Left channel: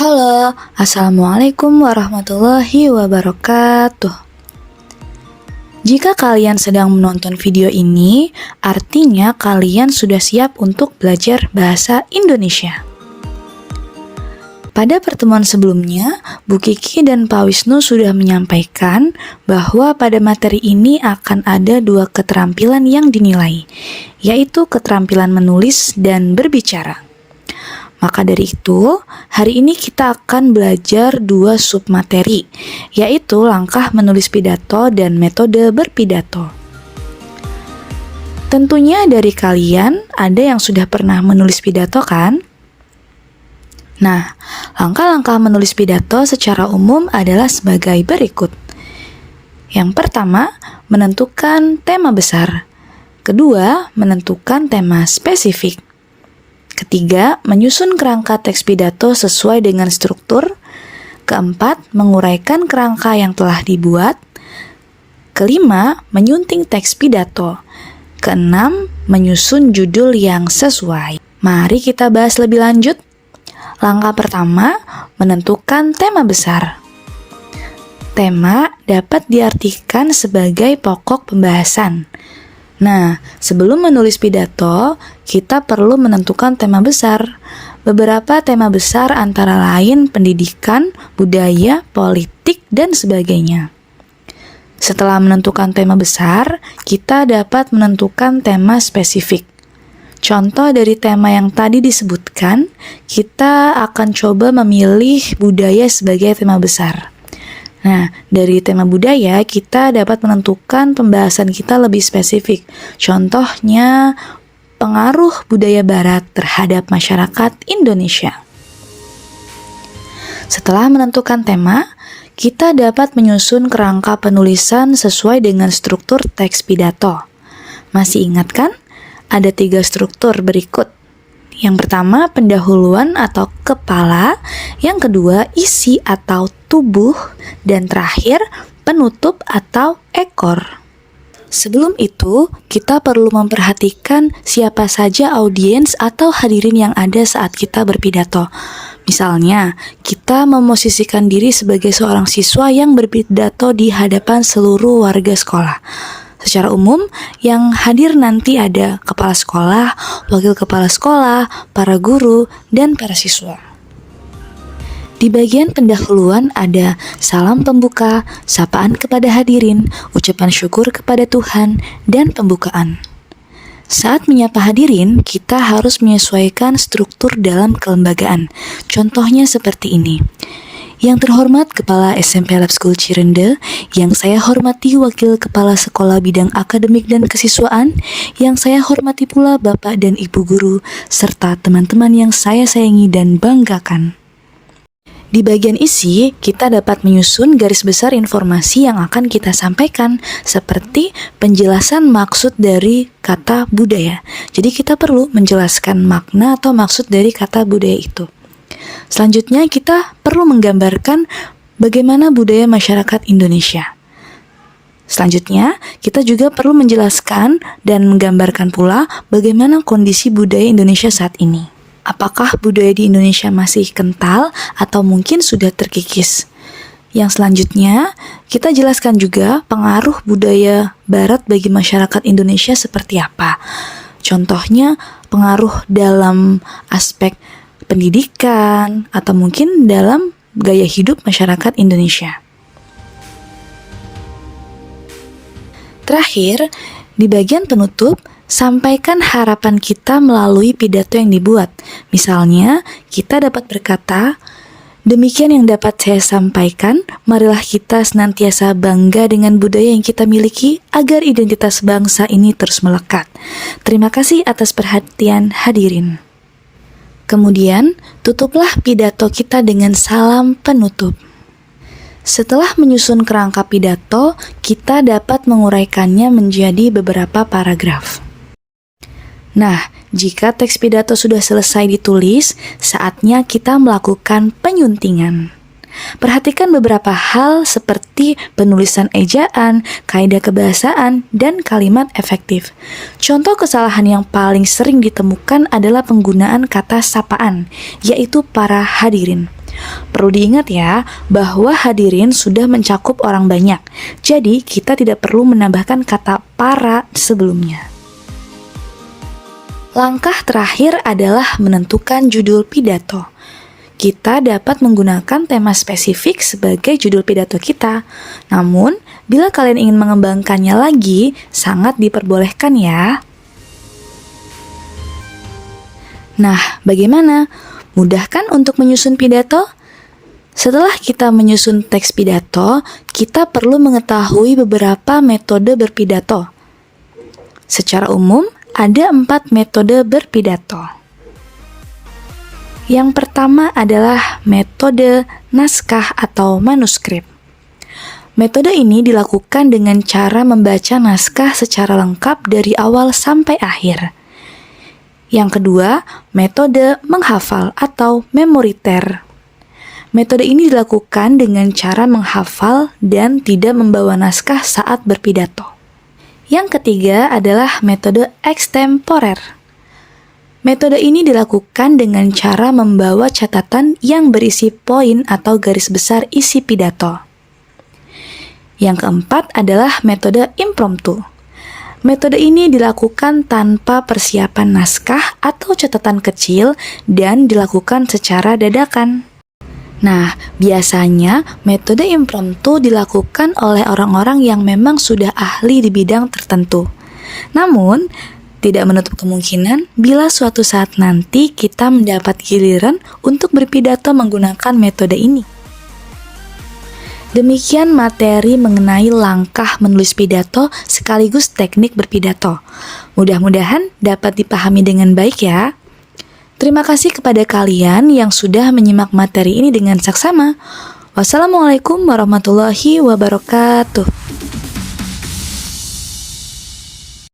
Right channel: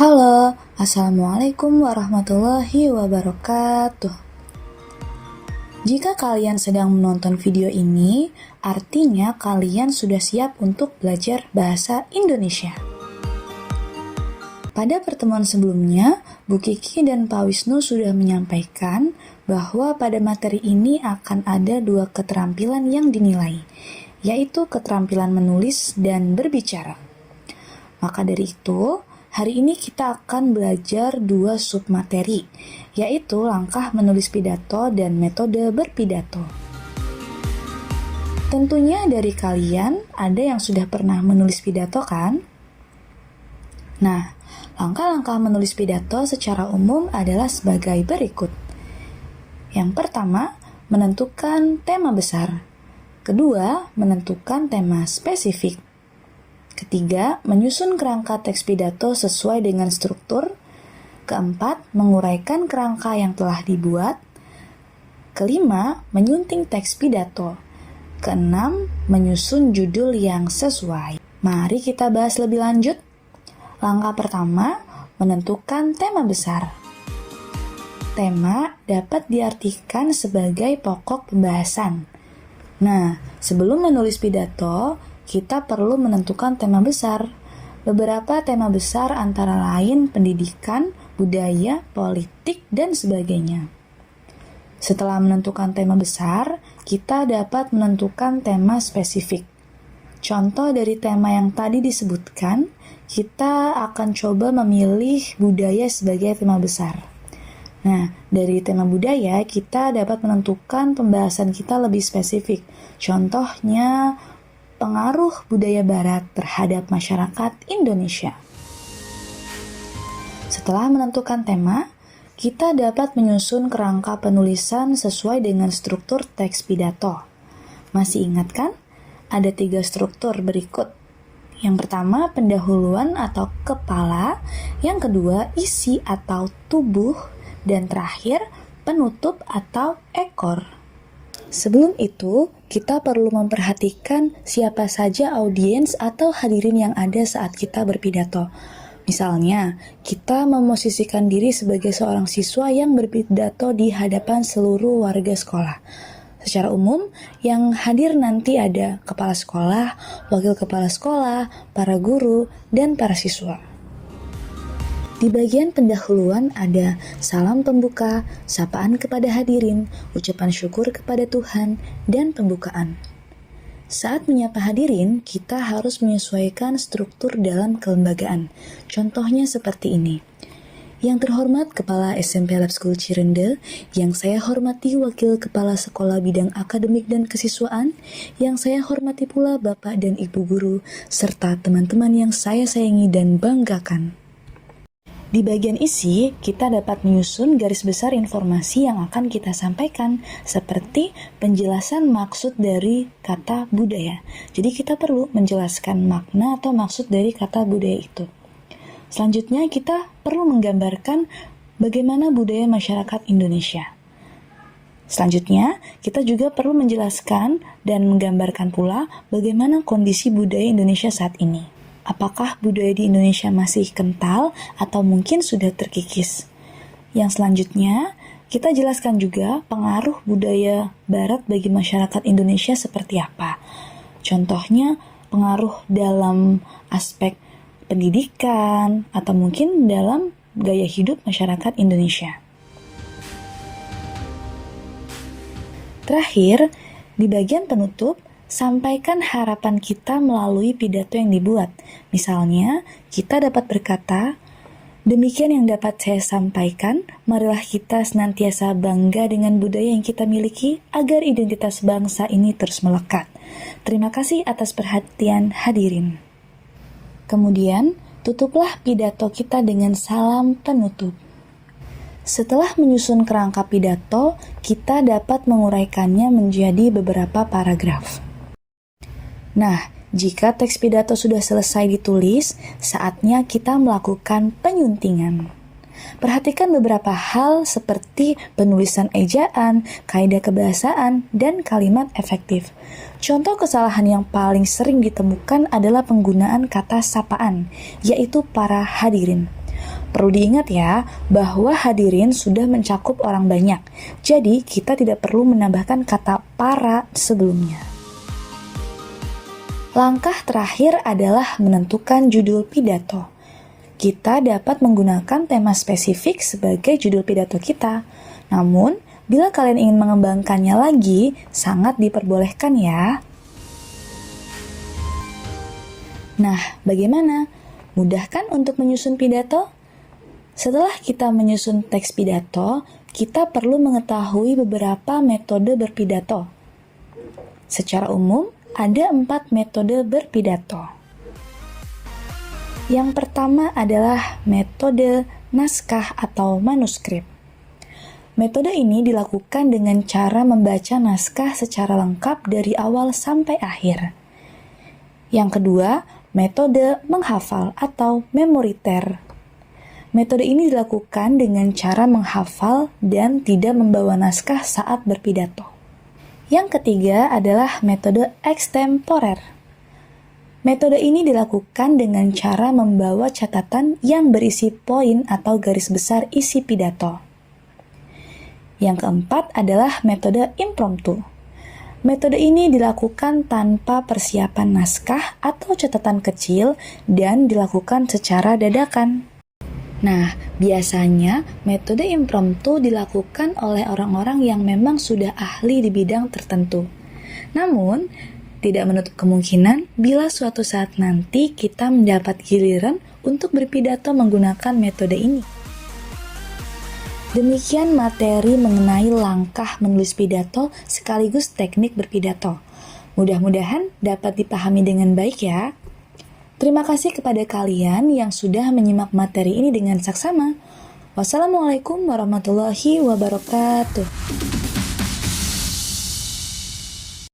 Halo, Assalamualaikum warahmatullahi wabarakatuh. Jika kalian sedang menonton video ini, artinya kalian sudah siap untuk belajar bahasa Indonesia. Pada pertemuan sebelumnya, Bu Kiki dan Pak Wisnu sudah menyampaikan bahwa pada materi ini akan ada dua keterampilan yang dinilai, yaitu keterampilan menulis dan berbicara. Maka dari itu, hari ini kita akan belajar dua submateri, yaitu langkah menulis pidato dan metode berpidato. Tentunya dari kalian ada yang sudah pernah menulis pidato kan? Nah, langkah-langkah menulis pidato secara umum adalah sebagai berikut. Yang pertama, menentukan tema besar. Kedua, menentukan tema spesifik. Ketiga, menyusun kerangka teks pidato sesuai dengan struktur. Keempat, menguraikan kerangka yang telah dibuat. Kelima, menyunting teks pidato. Keenam, menyusun judul yang sesuai. Mari kita bahas lebih lanjut. Langkah pertama, menentukan tema besar. Tema dapat diartikan sebagai pokok pembahasan. Nah, sebelum menulis pidato, kita perlu menentukan tema besar. Beberapa tema besar antara lain pendidikan, budaya, politik, dan sebagainya. Setelah menentukan tema besar, kita dapat menentukan tema spesifik. Contoh dari tema yang tadi disebutkan, kita akan coba memilih budaya sebagai tema besar. Nah, dari tema budaya, kita dapat menentukan pembahasan kita lebih spesifik. Contohnya, pengaruh budaya barat terhadap masyarakat Indonesia. Setelah menentukan tema, kita dapat menyusun kerangka penulisan sesuai dengan struktur teks pidato. Masih ingat kan? Ada 3 struktur berikut. Yang pertama, pendahuluan atau kepala. Yang kedua, isi atau tubuh. Dan terakhir, penutup atau ekor. Sebelum itu, kita perlu memperhatikan siapa saja audiens atau hadirin yang ada saat kita berpidato. Misalnya, kita memosisikan diri sebagai seorang siswa yang berpidato di hadapan seluruh warga sekolah. Secara umum, yang hadir nanti ada kepala sekolah, wakil kepala sekolah, para guru, dan para siswa. Di bagian pendahuluan ada salam pembuka, sapaan kepada hadirin, ucapan syukur kepada Tuhan, dan pembukaan. Saat menyapa hadirin, kita harus menyesuaikan struktur dalam kelembagaan. Contohnya seperti ini. Yang terhormat Kepala SMP Lab School Cirende, yang saya hormati Wakil Kepala Sekolah Bidang Akademik dan Kesiswaan, yang saya hormati pula Bapak dan Ibu Guru, serta teman-teman yang saya sayangi dan banggakan. Di bagian isi, kita dapat menyusun garis besar informasi yang akan kita sampaikan, seperti penjelasan maksud dari kata budaya. Jadi kita perlu menjelaskan makna atau maksud dari kata budaya itu. Selanjutnya, kita perlu menggambarkan bagaimana budaya masyarakat Indonesia. Selanjutnya, kita juga perlu menjelaskan dan menggambarkan pula bagaimana kondisi budaya Indonesia saat ini. Apakah budaya di Indonesia masih kental atau mungkin sudah terkikis? Yang selanjutnya, kita jelaskan juga pengaruh budaya Barat bagi masyarakat Indonesia seperti apa. Contohnya, pengaruh dalam aspek pendidikan, atau mungkin dalam gaya hidup masyarakat Indonesia. Terakhir, di bagian penutup, sampaikan harapan kita melalui pidato yang dibuat. Misalnya, kita dapat berkata, demikian yang dapat saya sampaikan, marilah kita senantiasa bangga dengan budaya yang kita miliki agar identitas bangsa ini terus melekat. Terima kasih atas perhatian hadirin. Kemudian, tutuplah pidato kita dengan salam penutup. Setelah menyusun kerangka pidato, kita dapat menguraikannya menjadi beberapa paragraf. Nah, jika teks pidato sudah selesai ditulis, saatnya kita melakukan penyuntingan. Perhatikan beberapa hal seperti penulisan ejaan, kaidah kebahasaan, dan kalimat efektif. Contoh kesalahan yang paling sering ditemukan adalah penggunaan kata sapaan, yaitu para hadirin. Perlu diingat ya, bahwa hadirin sudah mencakup orang banyak. Jadi, kita tidak perlu menambahkan kata para sebelumnya. Langkah terakhir adalah menentukan judul pidato. Kita dapat menggunakan tema spesifik sebagai judul pidato kita. Namun, bila kalian ingin mengembangkannya lagi, sangat diperbolehkan ya. Nah, bagaimana? Mudah kan untuk menyusun pidato? Setelah kita menyusun teks pidato, kita perlu mengetahui beberapa metode berpidato. Secara umum, ada 4 metode berpidato. Yang pertama adalah metode naskah atau manuskrip. Metode ini dilakukan dengan cara membaca naskah secara lengkap dari awal sampai akhir. Yang kedua, metode menghafal atau memoriter. Metode ini dilakukan dengan cara menghafal dan tidak membawa naskah saat berpidato. Yang ketiga adalah metode extemporer. Metode ini dilakukan dengan cara membawa catatan yang berisi poin atau garis besar isi pidato. Yang keempat adalah metode impromptu. Metode ini dilakukan tanpa persiapan naskah atau catatan kecil dan dilakukan secara dadakan. Nah, biasanya metode impromptu dilakukan oleh orang-orang yang memang sudah ahli di bidang tertentu. Namun, tidak menutup kemungkinan bila suatu saat nanti kita mendapat giliran untuk berpidato menggunakan metode ini. Demikian materi mengenai langkah menulis pidato sekaligus teknik berpidato. Mudah-mudahan dapat dipahami dengan baik ya. Terima kasih kepada kalian yang sudah menyimak materi ini dengan saksama. Wassalamualaikum warahmatullahi wabarakatuh.